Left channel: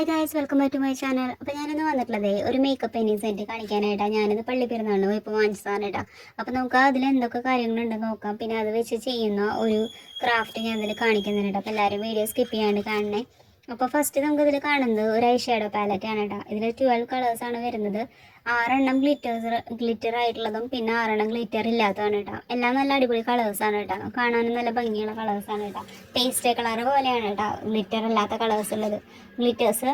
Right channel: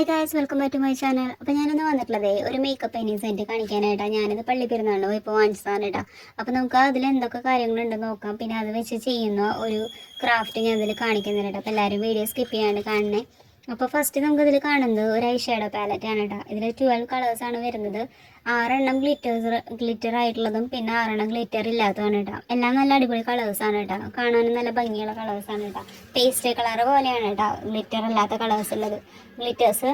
Hi guys, welcome back to my channel. അപ്പോൾ ഞാനിന്ന് വന്നിട്ടുള്ളത് ഒരു മേക്കപ്പ് പെയിൻറ്റിങ് സെറ്റ് കാണിക്കാനായിട്ടാണ്. ഞാനിത് പള്ളി പെരുന്നാളിന് ഇപ്പോൾ വാങ്ങിച്ചതാണ് കേട്ടോ. അപ്പോൾ നമുക്ക് അതിൽ എന്തൊക്കെ കാര്യങ്ങളുണ്ടെന്ന് നോക്കാം. പിന്നെ അത് വെച്ച് ചെയ്യുന്ന ഒരു ക്രാഫ്റ്റ് ഞാൻ ഇതിൽ കാണിക്കുന്നുണ്ട്. അപ്പോൾ എല്ലാവരും വീഡിയോ സ്കിപ്പ് ചെയ്യാണ്ട് കാണണേ. അപ്പോൾ ഫസ്റ്റ് നമുക്ക് ഇതിൽ കാണുന്നത് ഒരു ഐ ഷാഡോ പാലറ്റാണ് കേട്ടോ. ഇതിൽ 12 കളേഴ്സാണ് വരുന്നത്. 6 ഗ്ലിറ്റർ ആയിട്ടുള്ളതും പിന്നെ 6 ഗ്ലിറ്റർ ഇല്ലാത്തതാണ് കേട്ടോ. എല്ലാം നല്ല അടിപൊളി കളേഴ്സാണ് കേട്ടോ. കാണാനും നല്ല ഭംഗിയുള്ള കളേഴ്സാണ് കേട്ടോ. പേസ്റ്റൽ കളർ പോലെയാണ് കേട്ടോ ഗ്ലിറ്റർ അല്ലാത്ത കളേഴ്സ് ഉള്ളത്. ഗ്ലിറ്റേഴ്സ്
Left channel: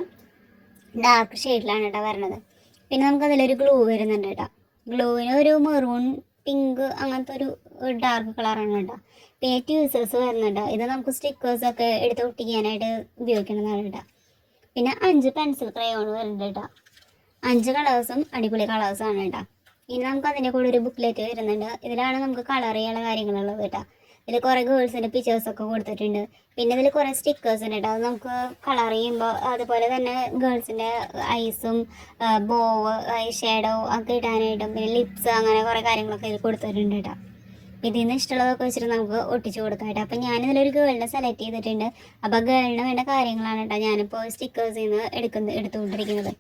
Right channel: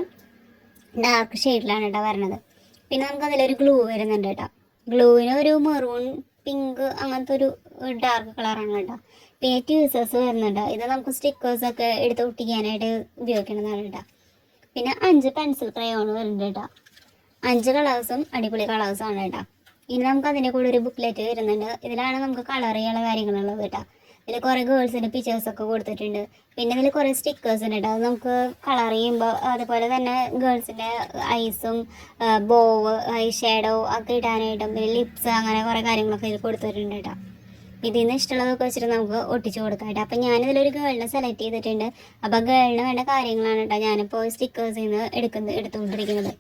ഡാർക്ക് ഷെയ്ഡിലാണ് കേട്ടോ വരുന്നത്. പിന്നെ നമുക്ക് അതിലൊരു ഗ്ലൂ വരുന്നുണ്ട് കേട്ടോ. ഗ്ലൂവിന് ഒരു മെറൂൺ പിങ്ക് അങ്ങനത്തെ ഒരു ഡാർക്ക് കളറാണ് കേട്ടോ. പിന്നെ ട്യൂസേഴ്സ് വരുന്നുണ്ട്. ഇത് നമുക്ക് സ്റ്റിക്കേഴ്സൊക്കെ എടുത്ത് ഒട്ടിക്കാനായിട്ട് ഉപയോഗിക്കുന്നതാണ് കേട്ടോ. പിന്നെ 5 പെൻസിൽ ക്രയോൺ വരുന്നുണ്ട് കേട്ടോ. 5 കളേഴ്സും അടിപൊളി കളേഴ്സാണ് കേട്ടോ. ഇനി നമുക്ക് അതിൻ്റെ കൂടെ ഒരു ബുക്ക്ലെറ്റ് വരുന്നുണ്ട്. ഇതിലാണ് നമുക്ക് കളർ ചെയ്യാനുള്ള കാര്യങ്ങളുള്ളത് കേട്ടോ. ഇതിൽ കുറേ ഗേൾസിൻ്റെ പിക്ചേഴ്സൊക്കെ കൊടുത്തിട്ടുണ്ട്. പിന്നെ ഇതിൽ കുറേ സ്റ്റിക്കേഴ്സ് ഉണ്ട് കേട്ടോ. അത് നമുക്ക് കളർ ചെയ്യുമ്പോൾ അതുപോലെ തന്നെ ഗേൾസിൻ്റെ ഐസും ബോവ് ഐ ഷാഡോ ഒക്കെ ഇടാനായിട്ടും പിന്നെ ലിപ്സ് അങ്ങനെ കുറേ കാര്യങ്ങളൊക്കെ ഇതിൽ കൊടുത്തിട്ടുണ്ട് കേട്ടോ. ഇതിൽ നിന്ന് ഇഷ്ടമുള്ളതൊക്കെ വെച്ചിട്ട് നമുക്ക് ഒട്ടിച്ച് കൊടുക്കാം കേട്ടോ. അപ്പം ഞാനിതിലൊരു ഗേളിനെ സെലക്ട് ചെയ്തിട്ടുണ്ട്. അപ്പോൾ ഗേളിന് വേണ്ട കാര്യങ്ങളാണ് കേട്ടോ ഞാനിപ്പോൾ സ്റ്റിക്കേഴ്സിൽ നിന്ന് എടുത്തുകൊണ്ടിരിക്കുന്നത്.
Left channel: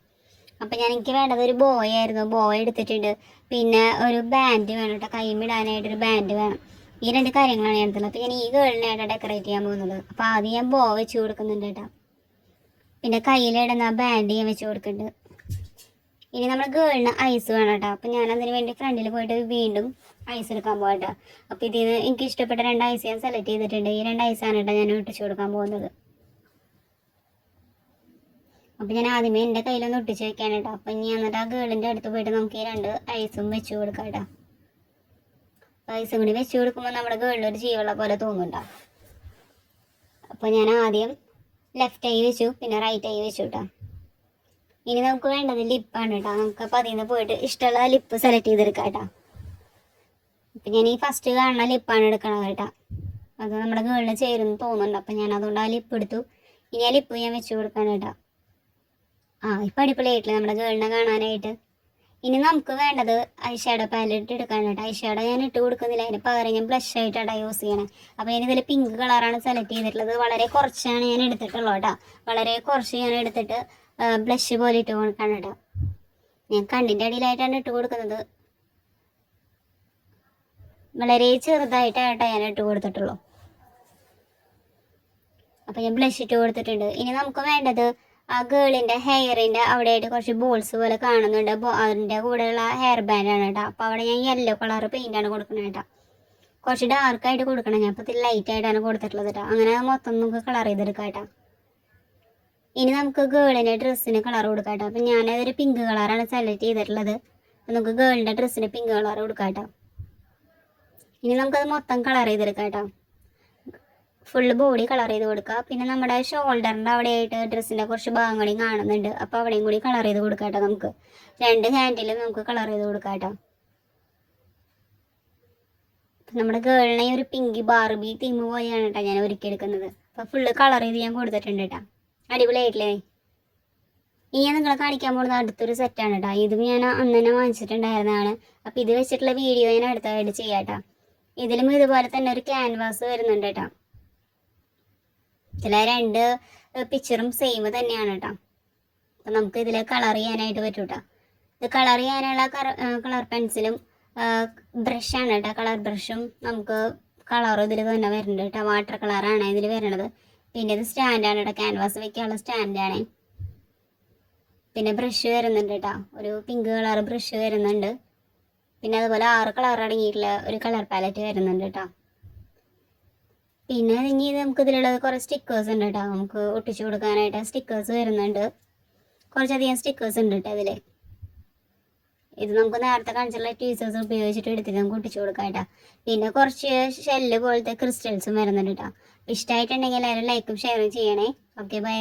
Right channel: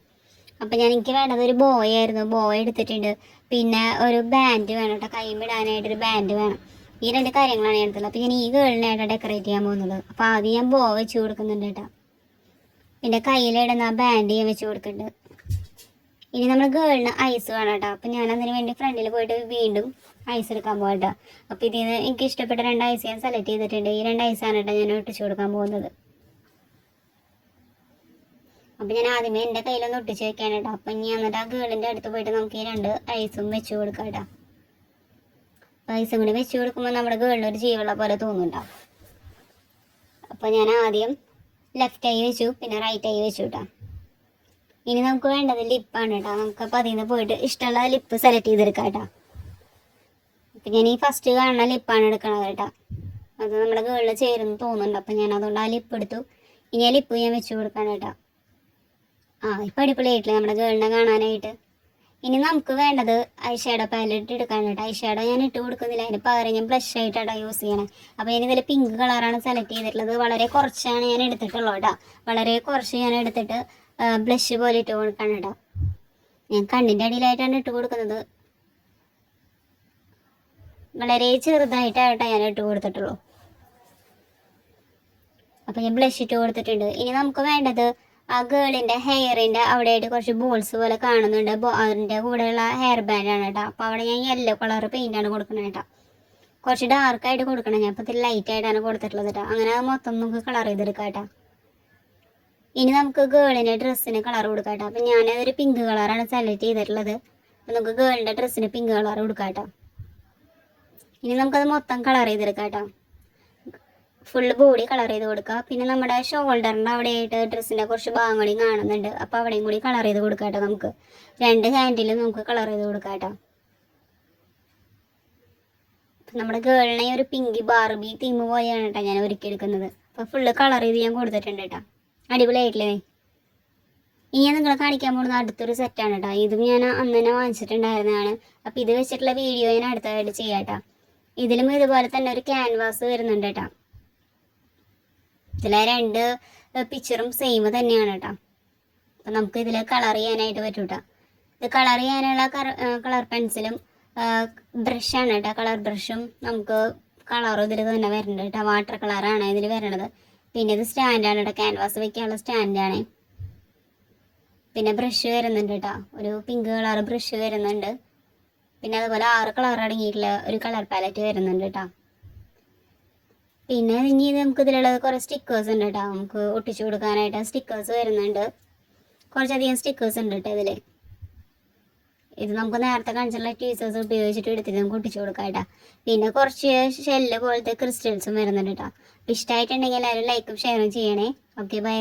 അപ്പം എനിക്ക് വേണ്ടത് ഒരു ബോയ് ആയിരുന്നു. ബോയ് എടുത്തിട്ടുണ്ട്. പിന്നെ ഒരു ബാൻഡ് വേണം കേട്ടോ. കൈമിടാനായിട്ടൊരു ബാൻഡ് വേണം. ഈ 2 കാര്യങ്ങളാണ് ഞാൻ എടുത്തത്. അപ്പോൾ ഞാൻ ഈ ഗേളിനായിട്ട് ഡെക്കറേറ്റ് ചെയ്യാൻ പോകുന്നത്. അപ്പോൾ ആദ്യം ഞാൻ ബോ വെച്ച് കൊടുക്കുന്നുണ്ട് കേട്ടോ. പിന്നെ കയ്യിലിടുന്ന ബാൻഡ് ഞാൻ വെച്ച് കൊടുക്കുന്നുണ്ട്. ഇനി നമ്മൾ ഗേളിന് ഐസ് വേണം കേട്ടോ. അപ്പം ഞാൻ അതിന് വേണ്ടി ഫ്രണ്ടിൽ പോയിട്ട് വീണ്ടും ഐസ് എടുക്കാൻ പോകാം കേട്ടോ. അപ്പോൾ ഇതിൽ നിന്ന് എനിക്ക് ഇഷ്ടപ്പെട്ട 2 ഐസ് ഞാൻ സെലക്ട് ചെയ്തിട്ടുണ്ട്. ഈ 2 ഐസാണ് കേട്ടോ ഞാൻ ഒട്ടിച്ച് കൊടുക്കാൻ പോകുന്നത്. അപ്പോൾ ഞാൻ ആദ്യമേ എൻ്റെ കയ്യിലൊന്ന് ഒട്ടിച്ച് വെക്കാൻ കേട്ടോ. അപ്പം ഇനി എന്നിട്ട് ആ ഗേളിൻ്റെ അടുത്ത് പോയിട്ട് നമുക്ക് ഈ 2 ഐസും വെച്ച് കൊടുക്കാം കേട്ടോ. ഐസും കൂടി വെച്ച് കൊടുക്കുമ്പോൾ നമ്മുടെ ഗേളിലൊരു ജീവുള്ള പോലെ തോന്നുന്നുണ്ടാവും. അപ്പോൾ ഞാൻ ആദ്യം ലെഫ്റ്റ് ഐ വെച്ചു, പിന്നെ റൈറ്റ് ഐ വെച്ചു കേട്ടോ. ഇനി നമുക്ക് വേണ്ടത് ലിപ്പാണ് കേട്ടോ. നമുക്ക് അപ്പോൾ അതിൽ നിന്ന് പോയിട്ട് ഇഷ്ടമുള്ള ലിപ്പ് സെലക്ട് ചെയ്തെടുക്കാം കേട്ടോ. അപ്പം ഞാൻ ഈ ഫസ്റ്റ് കാണുന്ന ലിപ്പാണ് എടുക്കണത് കേട്ടോ. അത് നമ്മുടെ ഗേളിൽ ചേരുന്ന് തോന്നുന്നുണ്ട്. അപ്പം ഞാൻ അതുകൊണ്ട് ആ ലിപ്പ് എടുത്തു. ഇനി ആ ലിപ്പ് ഞാൻ വെച്ച് കൊടുക്കാം കേട്ടോ. ഇപ്പം അടിപൊളിയായിട്ടില്ല നമ്മുടെ ഗേളിനെ കാണാനായിട്ട്. ഇനി നമുക്ക് വേണ്ടത് ഐ ഷാഡോ പാലറ്റ് എടുക്കാൻ കേട്ടോ. ഐ ഷാഡോ ഞാൻ ഇട്ട് കൊടുക്കുന്നില്ല. അതിന് പകരം ഞാൻ ബ്ലഷ് ആയിട്ടാണ് യൂസ് ചെയ്യണേ. അപ്പോൾ ഞാനിതിൽ പിങ്ക് കളറാണ് സെലക്ട് ചെയ്തിട്ടുള്ളത്. വളരെ കുറച്ചാണ് ഞാൻ എടുത്തിട്ടുള്ളൂ കേട്ടോ. വളരെ കുറച്ച് ഞാൻ എടുത്തിട്ട് ബ്ലഷ് പോലെ ഇട്ട് കൊടുക്കണം കേട്ടോ. ഞാൻ കണ്ണിൻ്റെ അടിയിലായിട്ടാണ് ഇട്ട് കൊടുക്കുന്നത്. വളരെ ചെറുതായിട്ടാണ് ഞാൻ ഇട്ട് കൊടുത്തിട്ടുള്ളൂ. അപ്പോൾ ഞാൻ ബ്ലഷ് ഇട്ട് കൊടുത്തിട്ടുണ്ട്. ഇനി നമുക്ക് വേണ്ടത് ആ ഗേളിൻ്റെ ഹെയറിൻ്റെ അവിടെയായിട്ട് കുറച്ച് ബോൾസ് പോലെ കാണുന്നുണ്ട്. അതിൻ്റെ കൂടെയുള്ള ഹെയർ ബാൻഡാണ് കേട്ടോ. അപ്പോൾ അവിടെ ഞാൻ യെല്ലോ കളർ പെയിൻ്റാണ് കൊടുക്കുന്നത് കേട്ടോ. കുറച്ച് ഡാർക്കായിട്ട് കൊടുക്കണം. ഞാൻ ഇപ്പോൾ ഇത്തിരി ലൈറ്റായിട്ടാണ് കൊടുത്തിട്ടുള്ളത് കേട്ടോ. അങ്ങനെ മൊത്തം നമുക്ക് കളർ ചെയ്തെടുക്കാം കേട്ടോ. ഇനി നമുക്ക് ഗേളിൻ്റെ ഡ്രസ്സിന് കളർ കൊടുക്കാം കേട്ടോ. അപ്പം ഞാനതൊരു പിങ്ക് കളറാണ് സെലക്ട് ചെയ്തിട്ടുള്ളത്. അപ്പോൾ നമുക്ക് ഗേളിൻ്റെ ഡ്രസ്സിന് പിങ്ക് കളർ കൊടുക്കാം കേട്ടോ. ഇനി നമുക്കത് മൊത്തം കളർ ചെയ്തെടുക്കാം കേട്ടോ. ഫുള്ള് ബോഡി കളർ ചെയ്ത് കൊടുക്കുക. പിന്നെ നമ്മുടെ ഷോൾഡറിൻ്റെ അവിടെയായിട്ട് ഡ്രസ്സിൻ്റെ കുറച്ച് ഭാഗങ്ങളും കാണുന്നുണ്ട്. അപ്പോൾ അവിടെയും കൂടി കളർ ചെയ്ത് കൊടുക്കാം കേട്ടോ. നമുക്ക് 2 ഹാൻഡിലും നമുക്ക് കളർ ചെയ്ത് കൊടുക്കാം കേട്ടോ. അപ്പം നമ്മുടെ ഗേളിനെ ഒരു പിങ്കി ബാർബി തീം പോലെയാണ് കേട്ടോ ഞാൻ ഒരുക്കിയെടുക്കുന്നത്. അപ്പോൾ ഫുള്ള് കളർ ചെയ്ത് ഞാൻ കൊടുത്തിട്ടുണ്ട് കേട്ടോ. അടിപൊളിയായിട്ടില്ലേ? ഇനി ഞാൻ നിങ്ങളെ കാണിക്കാൻ പോകുന്നത് അടുത്തൊരു സെറ്റാണ് കേട്ടോ. ഇതും ഞാൻ അന്ന് തന്നെ വാങ്ങിച്ചിട്ടുണ്ടായിരുന്നതാണ്. അപ്പോൾ ഇത് വെച്ചിട്ടുള്ള വീഡിയോ ഞാൻ അടുത്തതായിട്ട് ചെയ്യാം കേട്ടോ. ഇതിലും ഇതുപോലെ തന്നെ ഒരു ക്യാൻവാസ് വരുന്നുണ്ട് കേട്ടോ. ഇതിലെ 2 പിക്ചറും സെയിം തന്നെയാണ് കേട്ടോ. അപ്പം നമുക്ക് ഇതിൽ കളർ ചെയ്യാനായിട്ട് പറ്റും കേട്ടോ. ഇത് കളർ ചെയ്യാനുള്ള കളർ പെൻസിലും ബ്രഷാണ് കേട്ടോ. കളർ ബ്രഷും നമുക്ക് കളർ ഇതിൽ തന്നെ വരുന്നുണ്ട് കേട്ടോ. വാട്ടർ കളറാണ് ഇതിൽ വരുന്നത്. പിന്നെ ഇത് സ്റ്റാൻഡാണ് കേട്ടോ. ക്യാൻവാസ് വെക്കാനുള്ള സ്റ്റാൻഡാണ്. പിന്നെ ബ്രഷ് വരുന്നുണ്ട് കേട്ടോ. ഒരു പിങ്ക് കളർ ബ്രഷ് വരുന്നുണ്ട്. പിന്നെ അതുപോലെ 6 കളർ അടങ്ങിയിട്ടുള്ള ഒരു കളർ പാലറ്റ് വരുന്നുണ്ട് കേട്ടോ. പിന്നെ ഇനി നമുക്ക് ഇതിലുള്ളത് കുറേ സ്റ്റിക്കേഴ്സ് ഉണ്ട് കേട്ടോ. നമുക്ക് ഒട്ടിച്ചു കൊടുക്കാനായിട്ട് സ്റ്റിക്കേഴ്സ് വരുന്നുണ്ട്. കുറച്ചധികം സ്റ്റിക്കേഴ്സ് ഉണ്ട് കേട്ടോ ഇതിൽ. ഇത് നമുക്ക് നേരത്തെ കാണിച്ചുള്ള ടീസേഴ്സ് ഉപയോഗിച്ചിട്ട് എടുത്തിട്ട് നമുക്ക് ഒട്ടിച്ചു കൊടുക്കാം കേട്ടോ. പിന്നെ കുറച്ച് ഷെല്ല് പോലത്തെ ക്രിസ്റ്റൽസും വരുന്നുണ്ട് കേട്ടോ. ഇഷ്ടമായിട്ടുണ്ടെങ്കിൽ എല്ലാവരും ലൈക്കും ഷെയറും ചെയ്യണേ. Okay, by.